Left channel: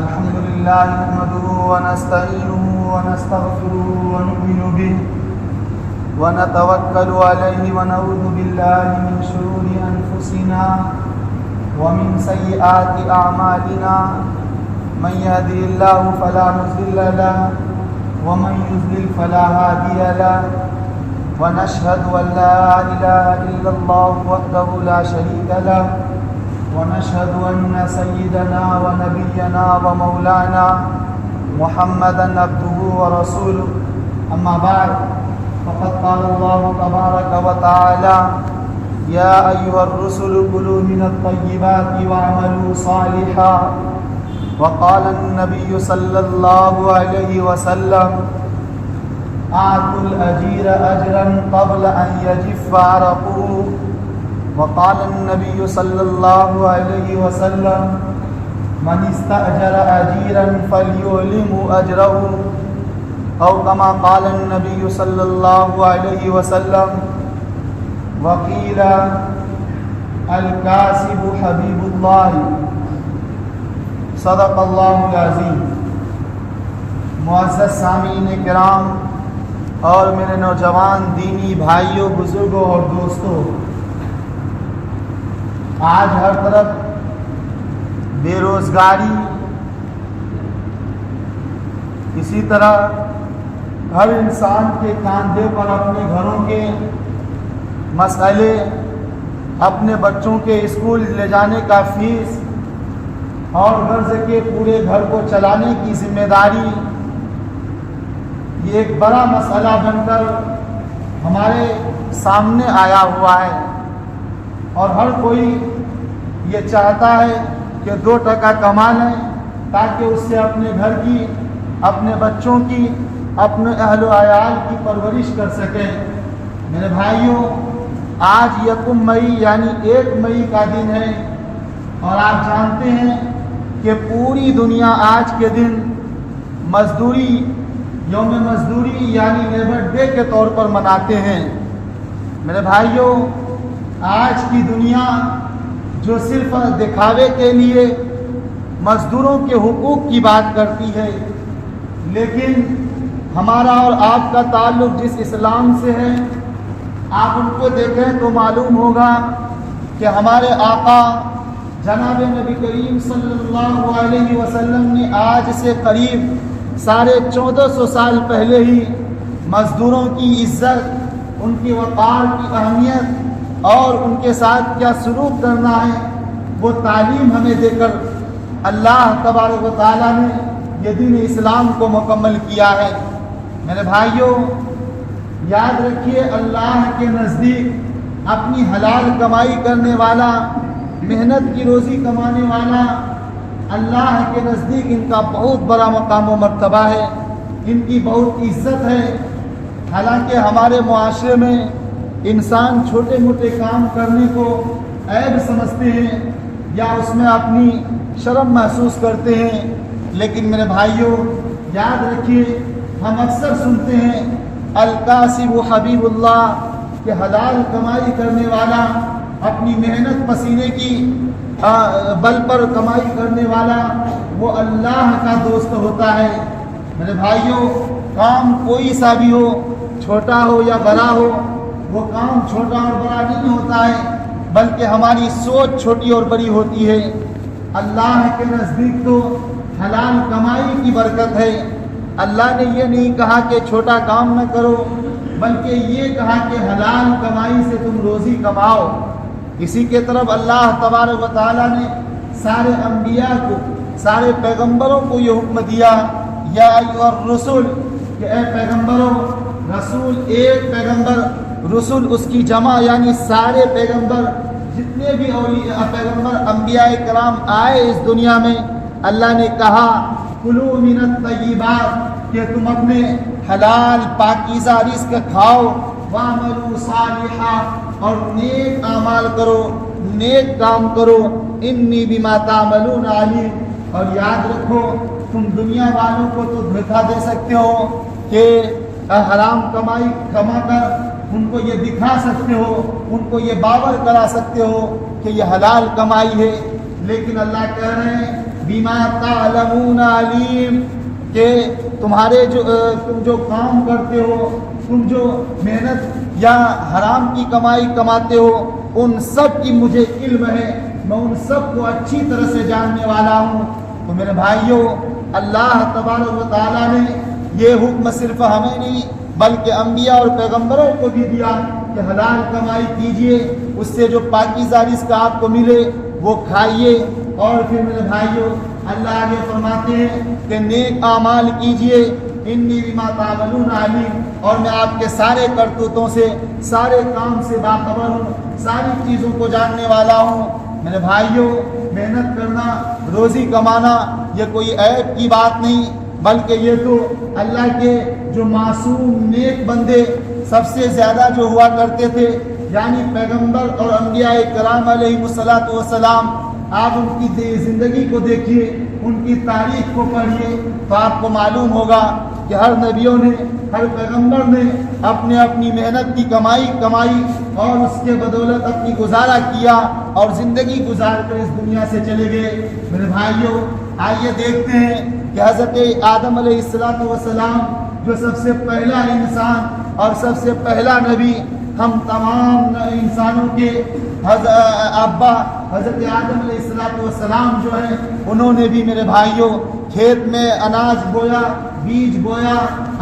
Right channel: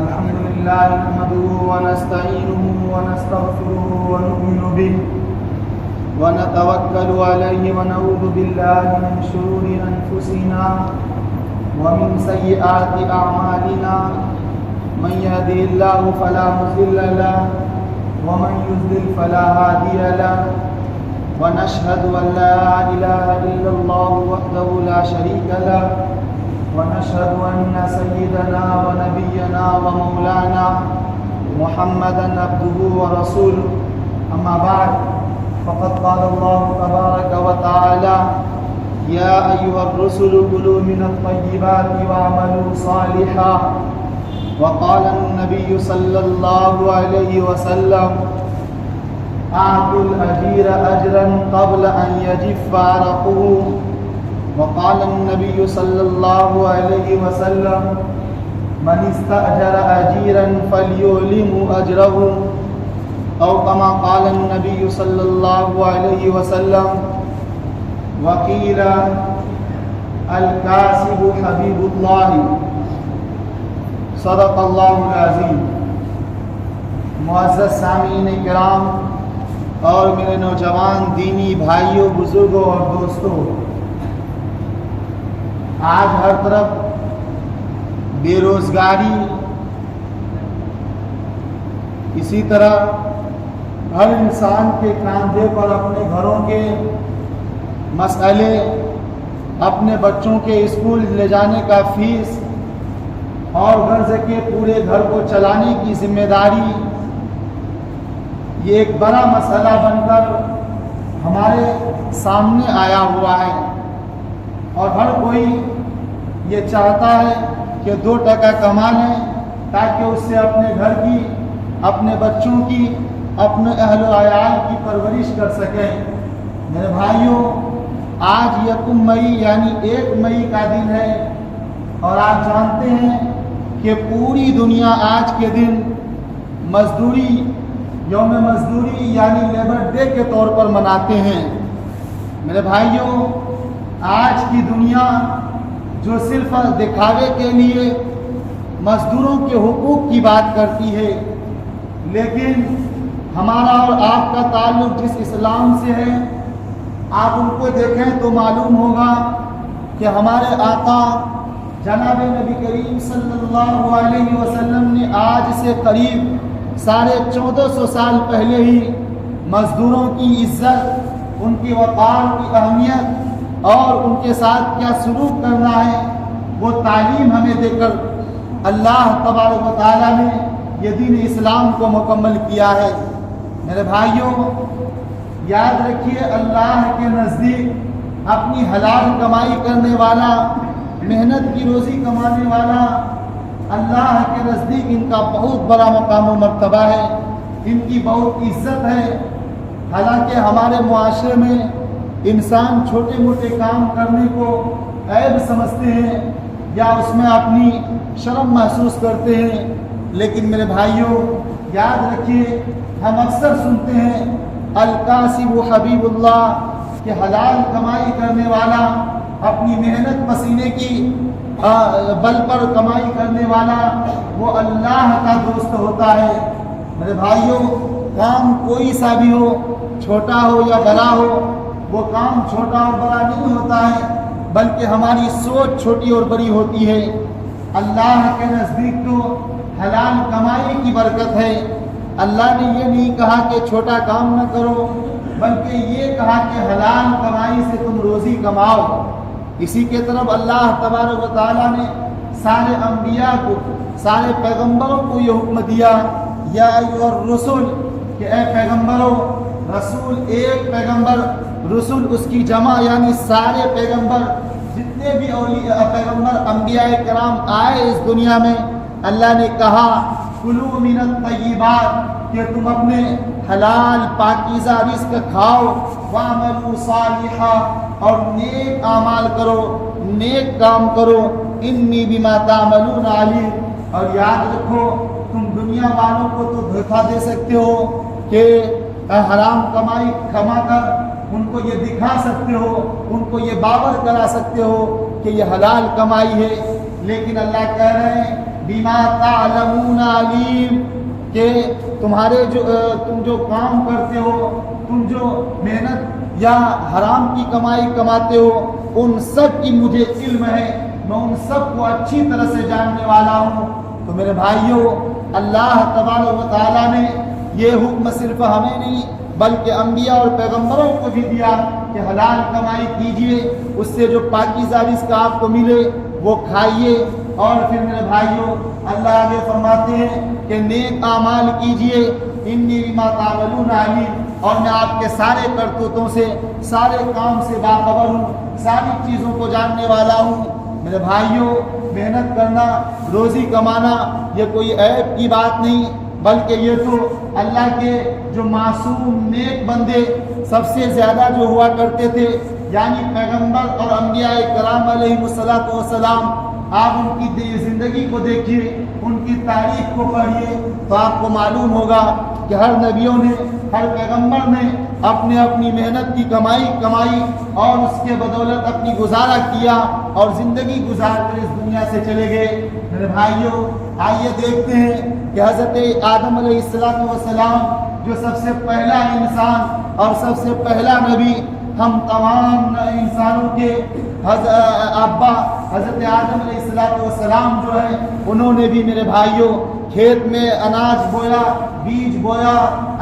الحمد لله نحمده ونستعينه ونستغفره ونؤمن به ونتوكل عليه ونعوذ بالله من شرور أنفسنا ومن سيئات أعمالنا من يهده الله فلا مضل له ومن يضلل فلا هادي له ونشهد أن لا إله إلا الله وحده لا شريك له ونشهد أن سيدنا ونبينا ومولانا محمدا عبده ورسوله أما بعد فقد قال الله تبارك وتعالى يا أيها الرسل كلوا من الطيبات واعملوا صالحا وقال النبي صلى الله عليه وسلم أعطوا الأجير أجرا قبل أن يجف عرقه وقال النبي صلى الله عليه وسلم من استأجر أجيرا فليعلم أجره أو كما قال النبي صلى الله عليه وسلم وقيل الكاسب حبيب الله صدق اللہ العظیم. معزز سامعین کرام اور میرے نوجوان دینی بھائیوں، بزرگوں اور دوستوں، آج ہر طرف بے روزگاری، اسی طرح ہر انسان کے کاندھے پر اپنے گھروں کے مسئلے، اپنے بچوں کے اسکول لے جانے کا فیس اور غرض کے پورے گھر کو چلانے کی ذمہ داری، یہ ایک بڑا مسئلہ بن کر ہمارے سامنے آیا ہوا ہے، اور ہر کوئی یہ چاہتا ہے کہ 2 ٹکا کما لیں تاکہ اس سے اپنے گھر کی، اپنے بچوں کی، اپنے اہل و عیال کی پرورش کر سکیں. میرے بھائیوں، آج 1 مئی یعنی 1 مئی کا دن ہے، اور آپ جانتے ہیں کہ پوری دنیا آج کے دن مزدوری، یوم مزدوری یعنی لیبر ڈے کے طور پر مناتے ہیں. میرے بھائیوں، آج کی دنیا جو صرف دکھاوے کے لیے مزدوروں کے حقوق کی بات کرتی ہے، لیکن ہمارا اور آپ کا تعلق جس اسلام سے ہے، آپ ان کو دیکھیں تو معلوم ہوگا کہ ہمارے آقا جناب نبی کریم صلی اللہ علیہ وسلم نے آج سے قریب 1450 سال پہلے ہی مزدوروں کی عزت، ان کی وقار کی اہمیت اور ان کے ساتھ کیا سلوک کرنا ہے، وہ تعلیم ہمیں دے کر اللہ تبارک و تعالیٰ نے یہ دین اسلام کو مکمل کیا ہے. میرے بھائیوں، یاد رکھیے، اللہ کے نزدیک اپنی حلال کمائی کرنے والا، محنت کی روزی کمانے والا، اللہ کے نزدیک ان کا بہت بڑا مقام و مرتبہ ہے، ان کی بہت عزت ہے. حالانکہ ہمارے معاشرے میں انسان چھوٹے موٹے کام کرنے کو عیب سمجھتے ہیں یا اس میں اپنی شرم محسوس کرتے ہیں، لیکن میرے بھائیوں یاد رکھیے، ہم اکثر سنتے ہیں الکاسب حبیب اللہ، کہ حلال کمائی کرنے والا، اپنی محنت پسینے کی بل پر کمائی کرنے والا، وہ اللہ کا دوست ہوتا ہے. میرے بھائیوں، کام کوئی سا بھی ہو، چھوٹا ہو یا بڑا ہو، وہ کام چھوٹا اور بڑا نہیں ہوتا ہے، بلکہ ہماری سوچ چھوٹی اور بڑی ہوتی ہے. اللہ کے نزدیک تو حلال کمائی کی برکت ہے. اللہ نے یہ نہیں کہا کہ چھوٹا کام نہ کرو، بلکہ یہ کہا کہ حلال کمائی سے تم روزی کماؤ. اسی کے طرف اللہ تبارک و تعالیٰ نے سارے انبیاء کو، سارے پیغمبروں کو یہ حکم دیا، یا ایھا الرسل، کہ اے پیغمبروں، رسول ایک پیغمبر، رسول اس کی جمع یعنی سارے پیغمبر، جتنے بھی پیغمبر انبیاء کرام آئے اس دنیا میں، اللہ نے کہا کلوا من الطیبات، کہ تم اپنے حلال پاکیزہ رزق کھاؤ، واعملوا صالحا، اور نیک اعمال کرو، نیک کام کرو، انی بما تعملون علیم. اور یاد رکھو، تم دنیا والوں کو تو دھوکہ دے سکتے ہو کہ حرام کمائی کما کر ان کو یہ دکھا سکتے ہو، ان کو یہ باور کرا سکتے ہو کہ یہ حلال کمائی ہے، لیکن اللہ کہہ رہے ہیں بما تعلمون علیم، کہ تمہارے تم جو کام کرتے ہو، تم جو محنت یا حرام کی کمائی کماتے ہو، ان سب کی مجھے علم ہے، میں ان سب کو اچھی طرح سے جاننے والا ہوں۔ تو میرے بھائیوں، اللہ تبارک و تعالیٰ نے یہ حکم صرف ہمیں نہیں بلکہ انبیاء اور پیغمبروں کو بھی دیا کہ حلال کمائی کیجئے، اس سے جو پاکیزہ رزق آپ کو ملے وہ کھائیے۔ اور پھر میرے بھائیوں، اللہ آگے فرماتے ہیں کہ نیک اعمال کیجئے، انی بما تعملون علیم، اور میں آپ کے سارے کرتوتوں سے، سارے کام سے باخبر ہوں، ساری چیزوں کو جاننے والا ہوں۔ میرے بھائیوں، محنت کرنا، روزی کمانا یہ کوئی عیب کی بات نہیں، بلکہ یہ تو اللہ کے جو معصوم نیک بندے سب سے زیادہ جو ہوا کرتے تھے، یعنی پیغمبر اور انبیاء کرام علیہ الصلوۃ والسلام، آپ ان کی زندگی کو دیکھیے، ان کی تاریخ کو پڑھیے تو آپ کو معلوم ہوگا کہ ہر نبیوں نے، ہر پیغمبر نے اپنی محنت کی کمائی اور اس کے بدولت اپنی گزارا کیا اور زندگی گزار کر اس دنیا سے چلے گئے۔ میرے بھائیوں، آئیے دیکھتے ہیں کہ حضرت آدم علیہ السلام جو سب سے پہلا انسان اور سب سے پہلا نبی، ہم تمام انسانوں کے ابا حضرت آدم علیہ السلام جو ہے، انہوں نے بھی میرے بھائیوں کھیت میں اناج بویا، بیج بویا،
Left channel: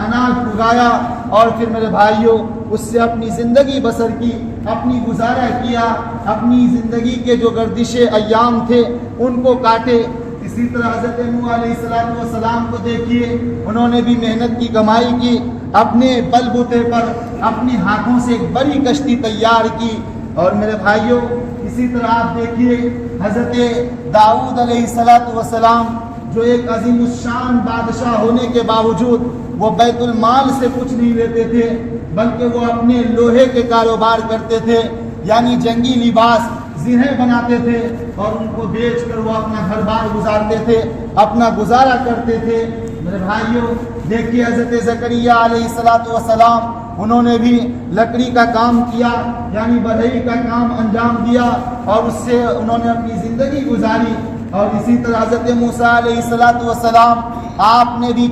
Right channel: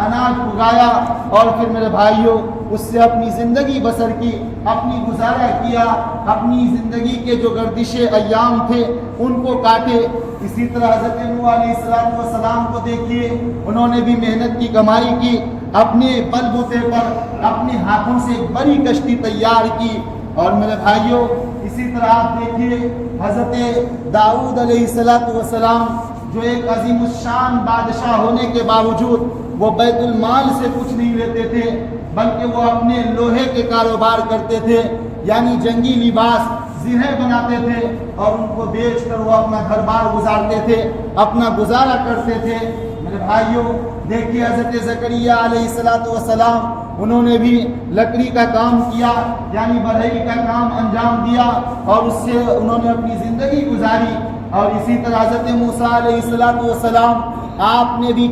اناج اگایا، اور پھر میرے بھائیوں اس سے اپنی زندگی بسر کی، اپنی گزارا کیا، اپنی زندگی کے جو گردش ایام تھے ان کو کاٹے۔ اسی طرح حضرت نوح علیہ السلام کو دیکھیے، انہوں نے بھی محنت کی کمائی کی، اپنے بل بوتے پر اپنے ہاتھوں سے ایک بڑی کشتی تیار کی۔ اور میرے بھائیوں، اسی طرح آپ دیکھیے حضرت داؤد علیہ السلام جو ایک عظیم الشان بادشاہ ہونے کے باوجود وہ بیت المال سے کچھ نہیں لیتے تھے، بلکہ وہ اپنے لوہے کے کاروبار کرتے تھے، یعنی جنگی لباس زرہیں بناتے تھے اور ان کو بیچ کر وہ اپنا گھر بار گزارتے تھے، اپنا گزارا کرتے تھے۔ میرے بھائیوں، دیکھیے حضرت زکریا علیہ السلام، انہوں نے بھی لکڑی کا کام کیا، یعنی بڑھئی کا کام انجام دیا اور اس سے انہوں نے اپنی زندگی گزاری۔ اور اسی طرح حضرت موسیٰ علیہ السلام، آپ نے بھی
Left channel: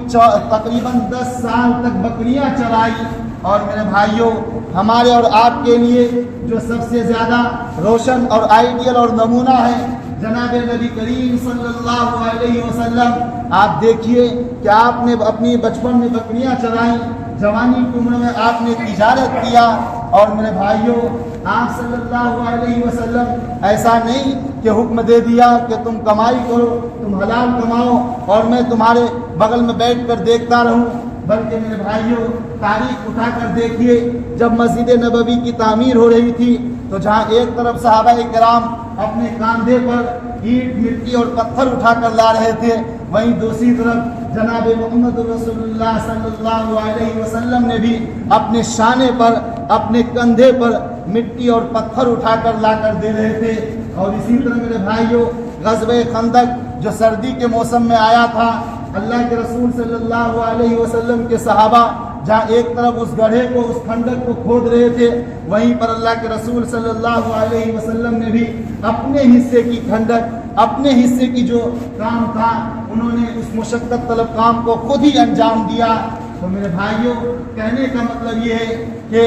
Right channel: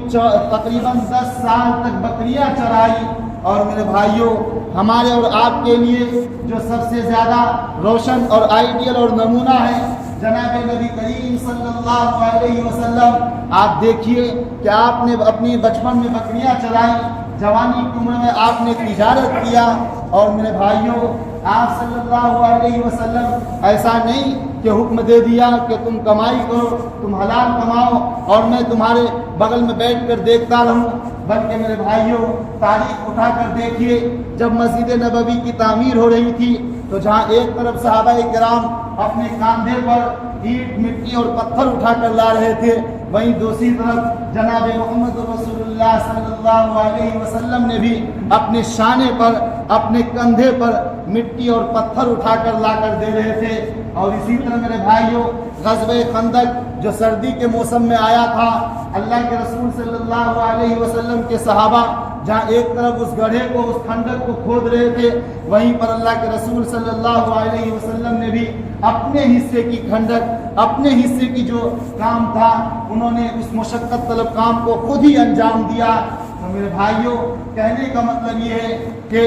تقریباً 10 سال تک بکریاں چرائی۔ اور میرے بھائیوں، ہمارے اور آپ کے لیے جو سب سے زیادہ روشن اور آئیڈیل اور نمونہ ہے جناب نبی کریم صلی اللہ علیہ وسلم، آپ دیکھیے کہ آپ نے اپنی بچپن میں بکریاں چرائی، جوانی کی عمر میں آپ نے تجارت کیا۔ اور میرے بھائیوں، آپ صلی اللہ علیہ وسلم ایسا نہیں کہ حکم دے دیا کہ تم کمائی کرو، تم حلال کماؤ اور میں تمہارے بغل میں بیٹھ کر دیکھتا رہوں، بلکہ میرے بھائیوں تاریخ اٹھا کر دیکھیے، جب مسجد نبوی کی تعمیر ہو رہی تھی تو جہاں ایک طرف صحابہ کرام اپنے کاندھے پر اینٹ، مٹی اور پتھر اٹھا کر لا رہے تھے، وہیں دوسری طرف جناب محمد رسول اللہ صلی اللہ علیہ وسلم نے بھی اپنے شانے پر، اپنے کندھے پر مٹی اور پتھر اٹھا کر لا کر دے رہے تھے۔ اور اسی طرح میرے بھائیوں، غزوہ خندق جو سردی کے موسم میں آیا تھا، اللہ کے رسول صلی اللہ علیہ وسلم کے صحابہ جہاں ایک طرف اس گڑھے کو، اس کھندق کو کھود رہے تھے، وہیں پر اللہ کے رسول صلی اللہ علیہ وسلم نے بھی اپنے حصے کی کھندق، اپنے حصے کی جو کام تھا، انہوں نے اس مشقت طلب کام کو خود ہی انجام دیا۔ تو میرے بھائیوں، کہنے کا مطلب یہ ہے کہ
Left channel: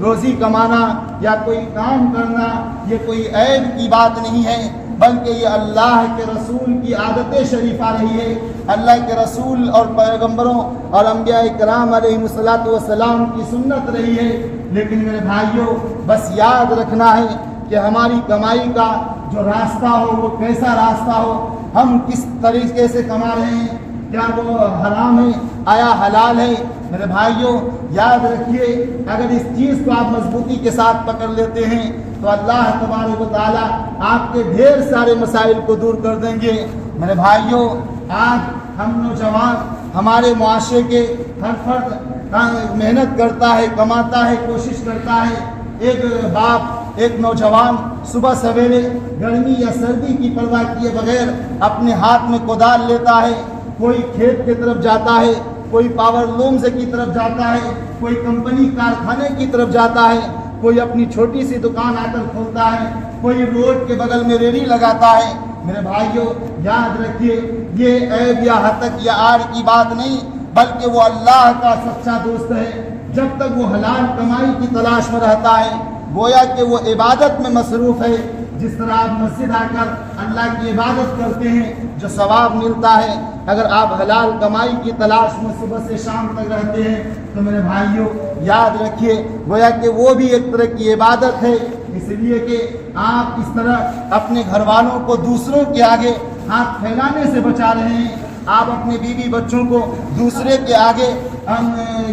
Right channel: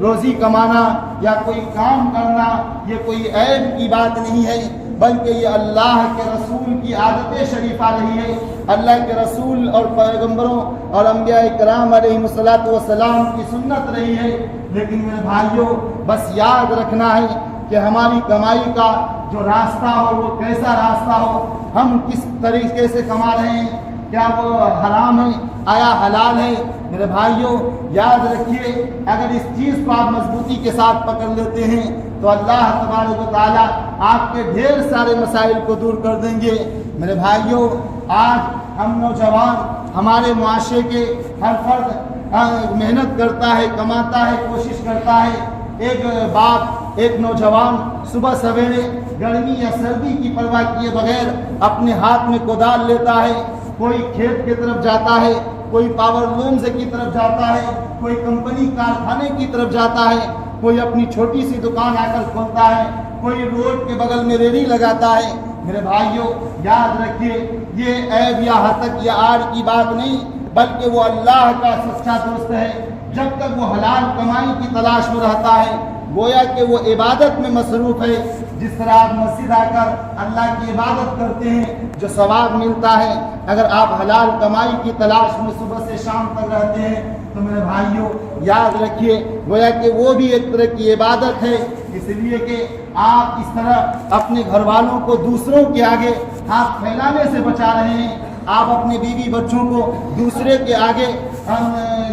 روزی کمانا یا کوئی کام کرنا یہ کوئی عیب کی بات نہیں ہے، بلکہ یہ اللہ کے رسول کی عادت شریفہ رہی ہے، اللہ کے رسول اور پیغمبروں اور انبیاء کرام علیہ الصلوۃ والسلام کی سنت رہی ہے۔ لیکن میرے بھائیوں، بس یاد رکھنا ہے کہ ہماری کمائی کا جو راستہ ہو وہ کیسا راستہ ہو، ہم کس طریقے سے کما رہے ہیں، کیا وہ حرام ہے، آیا حلال ہے۔ میرے بھائیوں، یاد رکھیے، اگر اس چیز کو آپ مضبوطی کے ساتھ پکڑ لیتے ہیں تو اللہ تبارک و تعالیٰ آپ کے ڈھیر سارے مسائل کو دور کر دیں گے۔ میرے بھائیوں، آج ہم نوجوان، ہمارے معاشرے کے ہر فرد محنت کرتا ہے، کماتا ہے، کوشش کرتا ہے۔ ایک باپ، ایک نوجوان صبح سویرے گرمی یا سردی کی پرواہ کیے بغیر اپنے ہاتھ میں کدال لیتا ہے، کوئی کھیت کی طرف جاتا ہے، کوئی پاور لومز کی طرف جاتا ہے، کوئی کمپنی کارخانے کی طرف جاتا ہے، کوئی اپنی چھوٹی سی دکان آ کر کھولتا ہے، کوئی روڈ کے بغل میں ریڑھی لگاتا ہے، میرے بھائیوں یاد رکھیے یہ عیب یا ہتک یا آر کی بات نہیں، بلکہ وہ اللہ کا سچا دوست ہے۔ جب تک وہ حلال کمائی کی تلاش میں رہتا ہے گویا کہ وہ عبادت میں مصروف ہے۔ جس طرح آپ مسجد آ کر اللہ کی عبادت کرتے ہیں جو ثواب ملتا ہے، اگر آپ حلال کمائی کی تلاش میں صبح سے شام تک رہتے ہیں تو میرے بھائیوں یاد رکھیے گویا کہ وہ بھی ایک طرح کی عبادت ہے، اس لیے کہ آپ اس طرح اپنے گھر والوں کو دوسروں کے آگے ہاتھ پھیلانے سے بچا رہے ہیں، آپ اپنے بیوی بچوں کو دوسرے کے آگے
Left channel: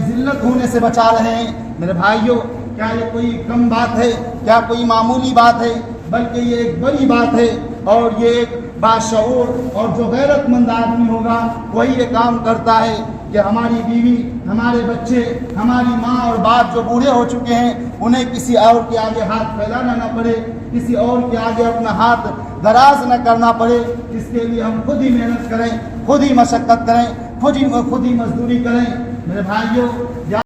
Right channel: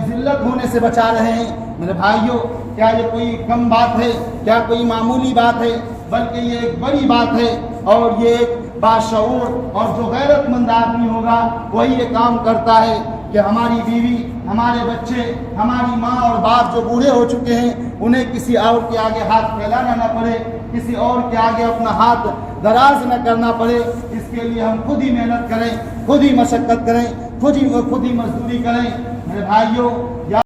ذلت ہونے سے بچا رہے ہیں۔ میرے بھائیوں کیا یہ کوئی کم بات ہے؟ کیا کوئی معمولی بات ہے؟ بلکہ یہ ایک بڑی بات ہے، اور یہ ایک باشعور اور جو غیرت مند آدمی ہوگا وہی یہ کام کرتا ہے کہ ہماری بیوی، ہمارے بچے، ہماری ماں اور باپ جو بوڑھے ہو چکے ہیں انہیں کسی اور کے آگے ہاتھ پھیلانا نہ پڑے، کسی اور کے آگے اپنا ہاتھ دراز نہ کرنا پڑے۔ اس کے لیے ہم خود ہی محنت کریں، خود ہی مشقت کریں، خود ہی مزدوری کریں۔ میرے بھائیوں